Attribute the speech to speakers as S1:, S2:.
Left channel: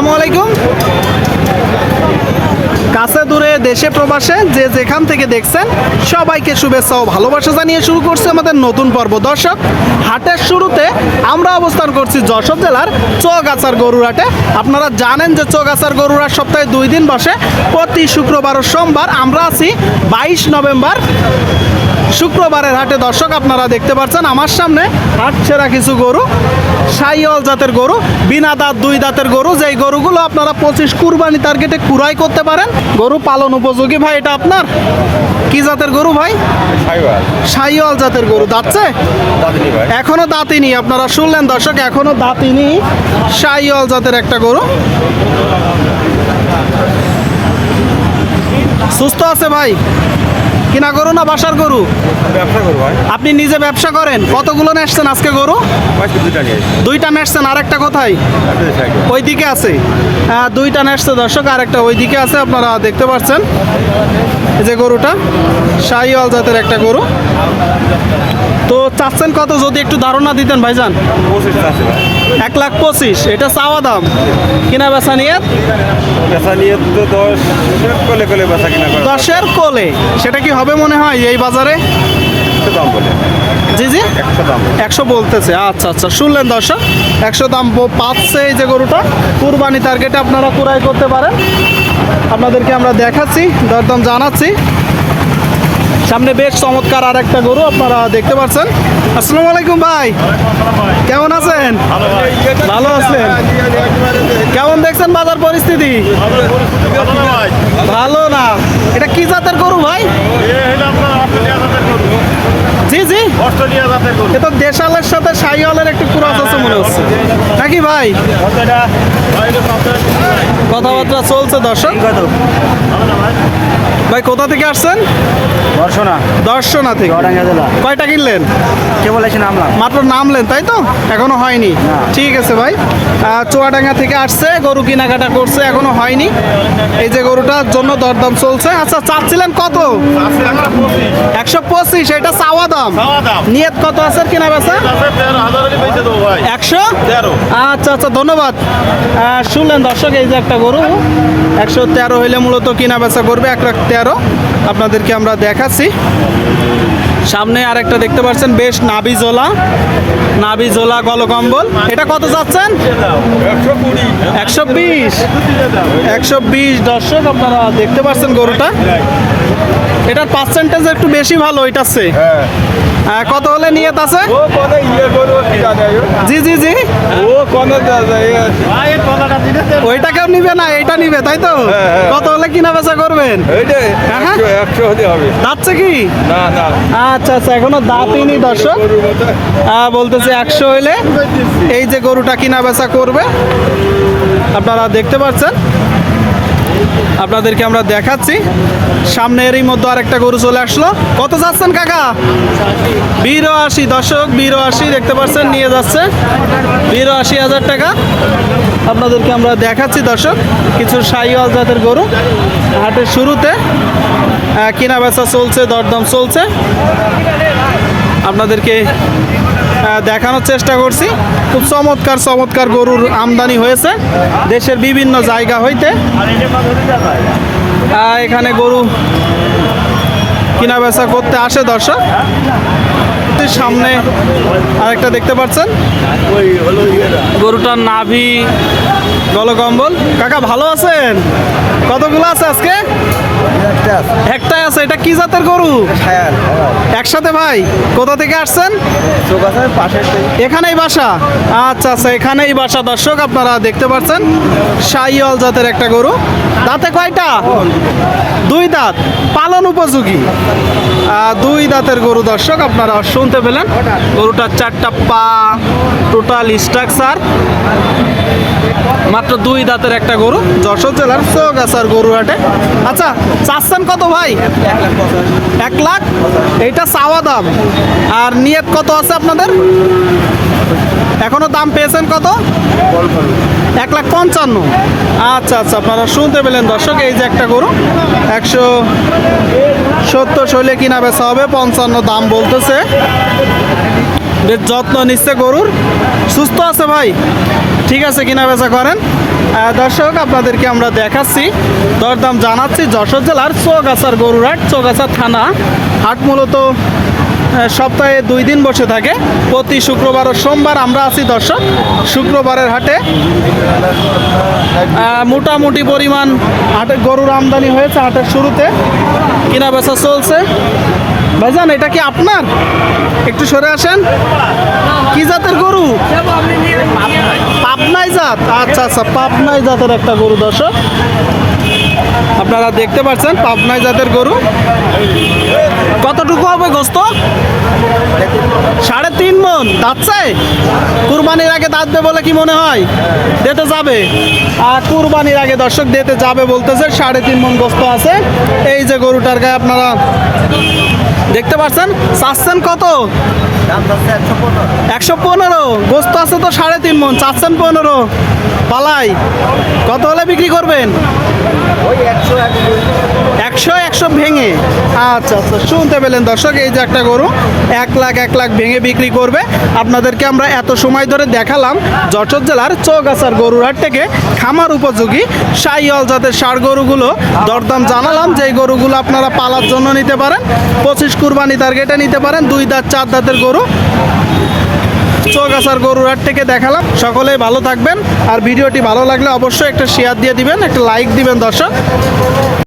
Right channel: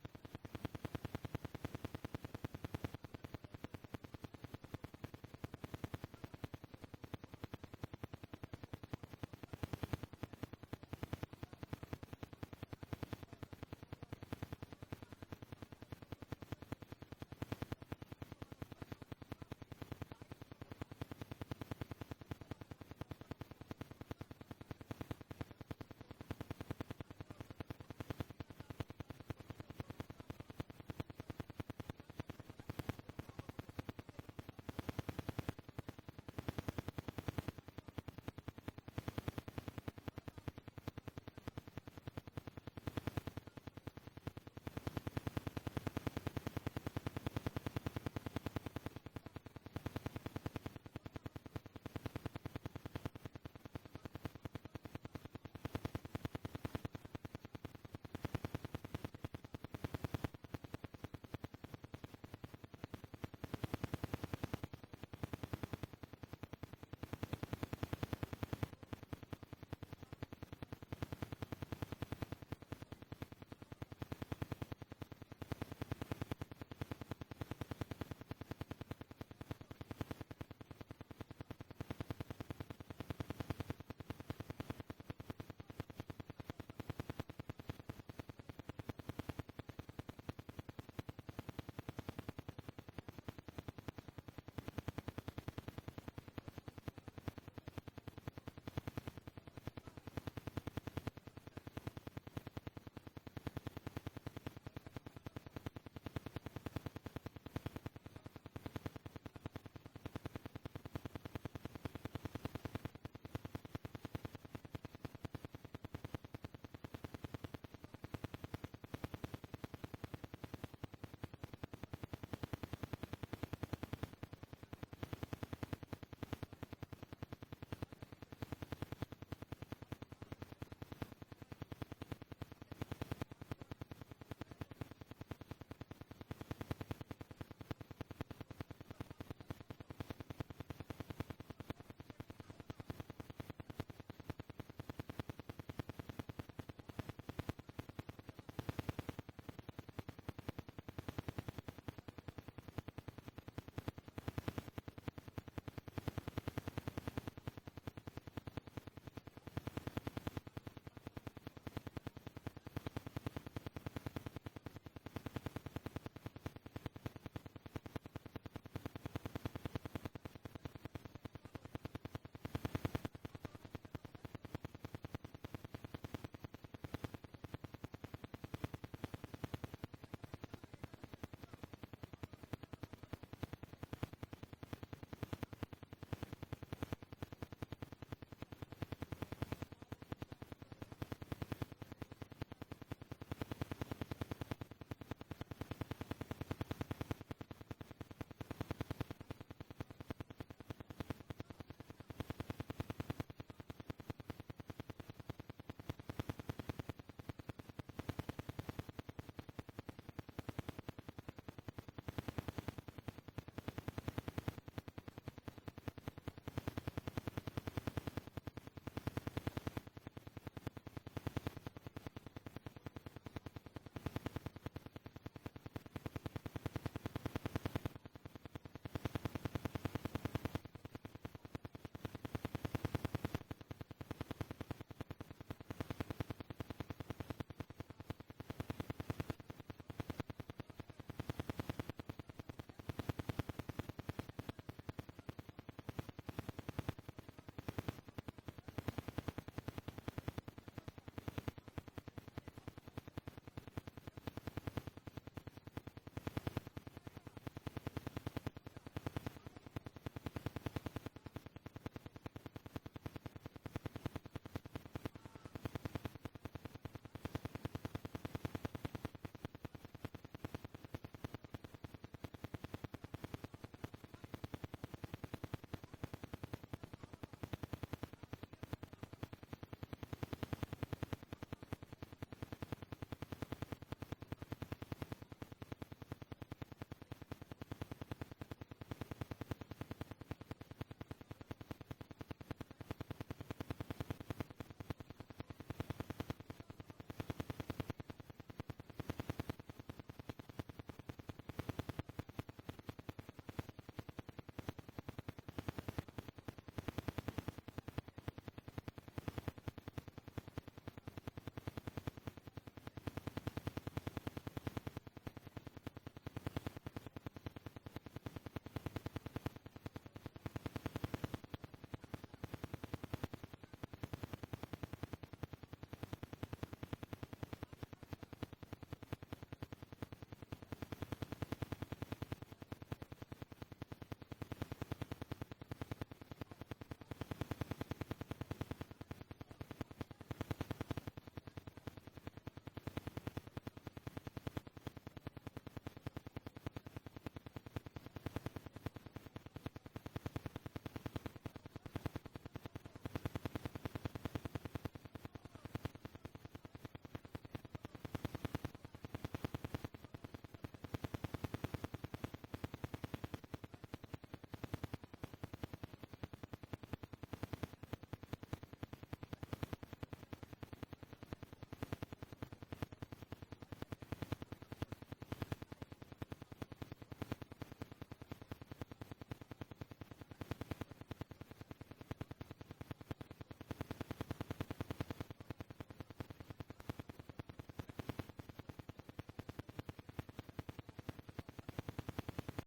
S1: আসসালামু আলাইকুম। কাছে দূরে দেশে প্রবাসে যে যেখান থেকে দেখছেন, সবাইকে শুভেচ্ছা ও ভালোবাসা জানিয়ে শুরু করছে আমাদের নতুন পর্ব। দর্শক, হাটের শুরুতে আমরা অবস্থান করছি যশোর জেলার চৌগাছার গরুর হাটে আপনারা জানেন যে চৌগাছার গরুর হাট সপ্তাহে দুই দিন বসে। প্রতি শুক্রবার ও সোমবার আমরা আছি বাইশ নভেম্বর শুক্রবারের হাটে দর্শক আপনারা দেখতে পাচ্ছেন আমার সামনে হাট সেরা কিছু গরু সাইওয়াল জাতের গরু বিনা দাঁত দুই দাঁতের গরু যেই গরুগুলো আপনারা পঁচিশ কুরবানি টার্গেটে কুরাই করতে পারেন গরু পালন উপযোগী ভাই এটা আপনার? কি জাতের গরু ভাই? সাইওয়াল। জাতের গরু দাঁতছে? এখনও দাঁতিনি আপনারা শুনলেন দর্শক এখনও দাঁতিনি সাইওয়াল জাতের একটা গরু। সুস্থ আছে ভাই? কিনা গরু না বাসার গরু?
S2: ব্যবসা ভাই।
S1: আপনি নিজে ব্যবসা করেন? কতগুলো নেসছেন আজকে গরু? দুইটা নেসছেন আরেকটা কোথায়? ওই দিকে আছে। হ্যাঁ দুইটা নেসছে দর্শক আর একটা ওই দিকে আছে আপনারা দেখতে পাচ্ছেন। এই যে গরুটা শাহিওয়াল জাতের একটা গরু। তো চাচ্ছেন কত যদি একটু ধারণা দিতেন ভাইজান? এক লাখ পঁচিশ এটা চাওয়া দাম। কিনা বেচা নিয়ে
S2: বেচা নিয়ে দশ কলে কলে বেচা কিনা
S1: দশের কোলে সেটা কি হবে মনে হয় এই বাজারে?
S2: একশো দাম বলে।
S1: জি জি।
S2: একশো
S1: বলতেছে আচ্ছা আচ্ছা শুনলেন দর্শক একশো দাম পাচ্ছে এই যে গরুটা। কুরবানি টার্গেটে আপনারা কুরাই করতে পারেন। আপনাদেরকে আমরা দেখাচ্ছি দরদাম জানাচ্ছি। সামনে বেশ চমৎকার আর একটা গরু আপনারা দেখতে পাচ্ছেন। আসসালামু আলাইকুম ভাই। কেমন আছেন? ভালো আছেন? কেমন দেখছেন বাজার পরিস্থিতি? ভালো না। এটা কি জাতের গরু ভাই? জি জি। দেশালের সাথে সাইওয়ালের একটু ক্রস আছে মনে হচ্ছে। নাকি ভাই? কথাবার্তা চলছে দর্শক। ভাই কোথা থেকে আসছেন?
S2: বর্ষনা
S1: দর্শনা থেকে।
S2: জেলা।
S1: কয়টা কিনলেন?
S2: কেবল এসে নামলাম।
S1: মাত্র নামলেন তাই তো? এখনও হয়নি। ঠিক আছে ভাই। চুয়াডাঙ্গা থেকে আসছে গরু কেনাকাটা করছে এখনও হয়নি। এই যে গরুটার জন্য দরদাম চলছে। আচ্ছা চাচ্ছিলেন কত? একশো পঁচিশ এটা চাওয়া দাম। নিয়ত কত আছে কিনা বেচা? একশো? আচ্ছা আচ্ছা ধন্যবাদ। শুনলেন দর্শক এই যে একটা গরু। একশো তেরো হইলে মূলত কিনা বেচা করবে এক লাখ তেরো আপনাদেরকে আমরা দেখাচ্ছি। সামনে আরেকটা দেখতে পাচ্ছেন, বেশ নাবি জোলা নাবি জোলা গলকম্বল এটা কত যাচ্ছেন?
S2: একশো
S1: বিশ। একশো বিশ। দর্শক, আপনারা দেখতে পাচ্ছেন গরুটা। এটার পার্সেন্টেজ একটু বেশি ভালো এটার চেয়ে কত হলে নিয়ত আছে?
S2: ও কোনে ইয়ে গরু কি জানে
S1: জি জি জি।
S2: ও কোনে
S1: ওইটাকেও নিবে না এটা নিবে তাই তো?
S2: হ্যাঁ, হ্যাঁ।
S1: কত হলে কিনা বেচা করবেন? হ্যাঁ?
S2: একশো হতে হবে।
S1: যাচ্ছে কি?
S2: না না।
S1: আচ্ছা আচ্ছা এখনও দাঁতিনি দর্শক। বলতেছে একশো হইলে এই যে গরুটা কিনা বেচা করবে। আপনারা দেখতে পাচ্ছেন। আপনাদেরকে আমরা দেখাচ্ছি। সামনে এরই মধ্যে আরেকটা গরু চলে আসলো। কত যাচ্ছেন কাকা? বিরো আশি দর্শক বিরো আশি দেখতে পাচ্ছেন, নিয়ে যাচ্ছে। বিরো আশি হাজার টাকা। আপনাদেরকে আমরা দেখাচ্ছি দর্শক, কিছু সাইওয়াল জাতের গরু। হাটের শুরুতে কেনা বেচা চলছে, দরদাম চলছে। আপনাদেরকে দেখানোর চেষ্টা করছি। খুব চমৎকার চমৎকার গরুর আমদানি হয়েছে। দেশের বিভিন্ন জায়গা হইতে। এখানে গরু কিনা বেচা করতে আসে দর্শক। সামনে আর একটা দেখতে পাচ্ছেন। গরুটার নাভি গলকম্বল কাকা, ভালো আছেন? কতগুলো আছে আজকে? একটাই আছে এটা কি জাতের গরু? একসাথে ভাই কোথা থেকে আসছেন? এখানেই বাসা? আচ্ছা আচ্ছা এখানেই বাসা। দর্শক আপনারা দেখতে পাচ্ছেন সাইওয়াল জাতের একটা গরু। দাঁতে কয়টা? দুই দাঁত। পালন উপযোগী। দুই দাঁতের গরু দর্শক আপনারা শুনতে পেলেন। গরুটার চারটা পা টোটাল স্ট্রাকচার মাত্র দুই দাঁতের একটা গরু। যশোর জেলার চৌগাছার গরু হাটে আচ্ছা চাচ্ছেন কত ভাই? এক লাখ। এইটা চাওয়া দাম। আর নিয়ত কত আছে আপনাদের? এখনও দাম পেয়েছেন কত? এক লাখ পঞ্চান্ন। আচ্ছা আচ্ছা আপনারা শুনতে পেলেন দর্শক, এই যে একটা গরু। একশো সত্তর শৈলে কিনা বেচা হবে, পঞ্চান্ন দাম বলতেছে। বেশ যত্ন নিচ্ছে গরুর, সুস্থ আছে ভাই? ঠিক আছে কিনা বেচা করেন? দর্শক, আপনাদেরকে আমরা দেখাচ্ছি, দরদাম জানাচ্ছি যশোর জেলার চৌগাছার গরুরহাট চৌগাছার থানা। হাট মূলত সপ্তাহে দুই দিন বসে থাকে, প্রতি শুক্রবার ও সোমবার আমরা আছি দর্শক, শুক্রবারের হাটে। মোটামুটি পরিমাণ হাটে গরুর আমদানি হয়েছে হাটের শুরুতে। কিনা বেচা চলছে। ভাইজান, এটা কি আপনার? একটু সরে আসেন। কি জাতের গরু? পাবনাই জাত। আচ্ছা আচ্ছা পাবনাই জাতের একটা গরু, দর্শক। আপনারা দেখতে পাচ্ছেন, পাবনাই জাতের গরু। কতটুকু হবে গোস্ত? সাড়ে তিন মন। দাঁতছে? কুরবানির আগে দাঁতবে বলে কি মনে হয়? দিতে যাবে। আর কুরবানির আগে দর্শক দিতে যাবে বলতেছে, সাড়ে তিন মন গোস্ত আছে। এই যে গরুটার গায়ে আপনারা দেখতে পাচ্ছেন? চাচ্ছেন কত? একশো পনেরো। গোস্ত আছে তো সাড়ে তিন মন চাচ্ছেন পনেরো। পালাই। কত হলে বিক্রি করবেন? একশো একশো একশো ভেঙে। আচ্ছা আচ্ছা শুনতে পেলেন দর্শক, এই যে একটা গরু, এক লাখ এক লাখ ভেঙে বিক্রি করবে। আপনাদেরকে আমরা এত সময় ধরে দেখালাম যশোর জেলার চৌগাছার গরুরহাট থেকে খামার উপযোগী সাইয়াল জাতের সার গরুগুলো। দরদাম জানালাম যে গরুগুলো আপনারা পালার জন্য নিতে পারেন, পঁচিশ কুরবানি টার্গেটে নিতে পারেন, দুই দাঁত, চার দাঁতের গরু। চৌগাছার গরুরহাট থেকে দেখালাম, সকলেই ভালো থাকবেন। আর ভিডিওটি ভালো লাগলে অবশ্যই একটা শেয়ার দিয়ে দিবেন, একটা লাইক দিবেন দর্শক।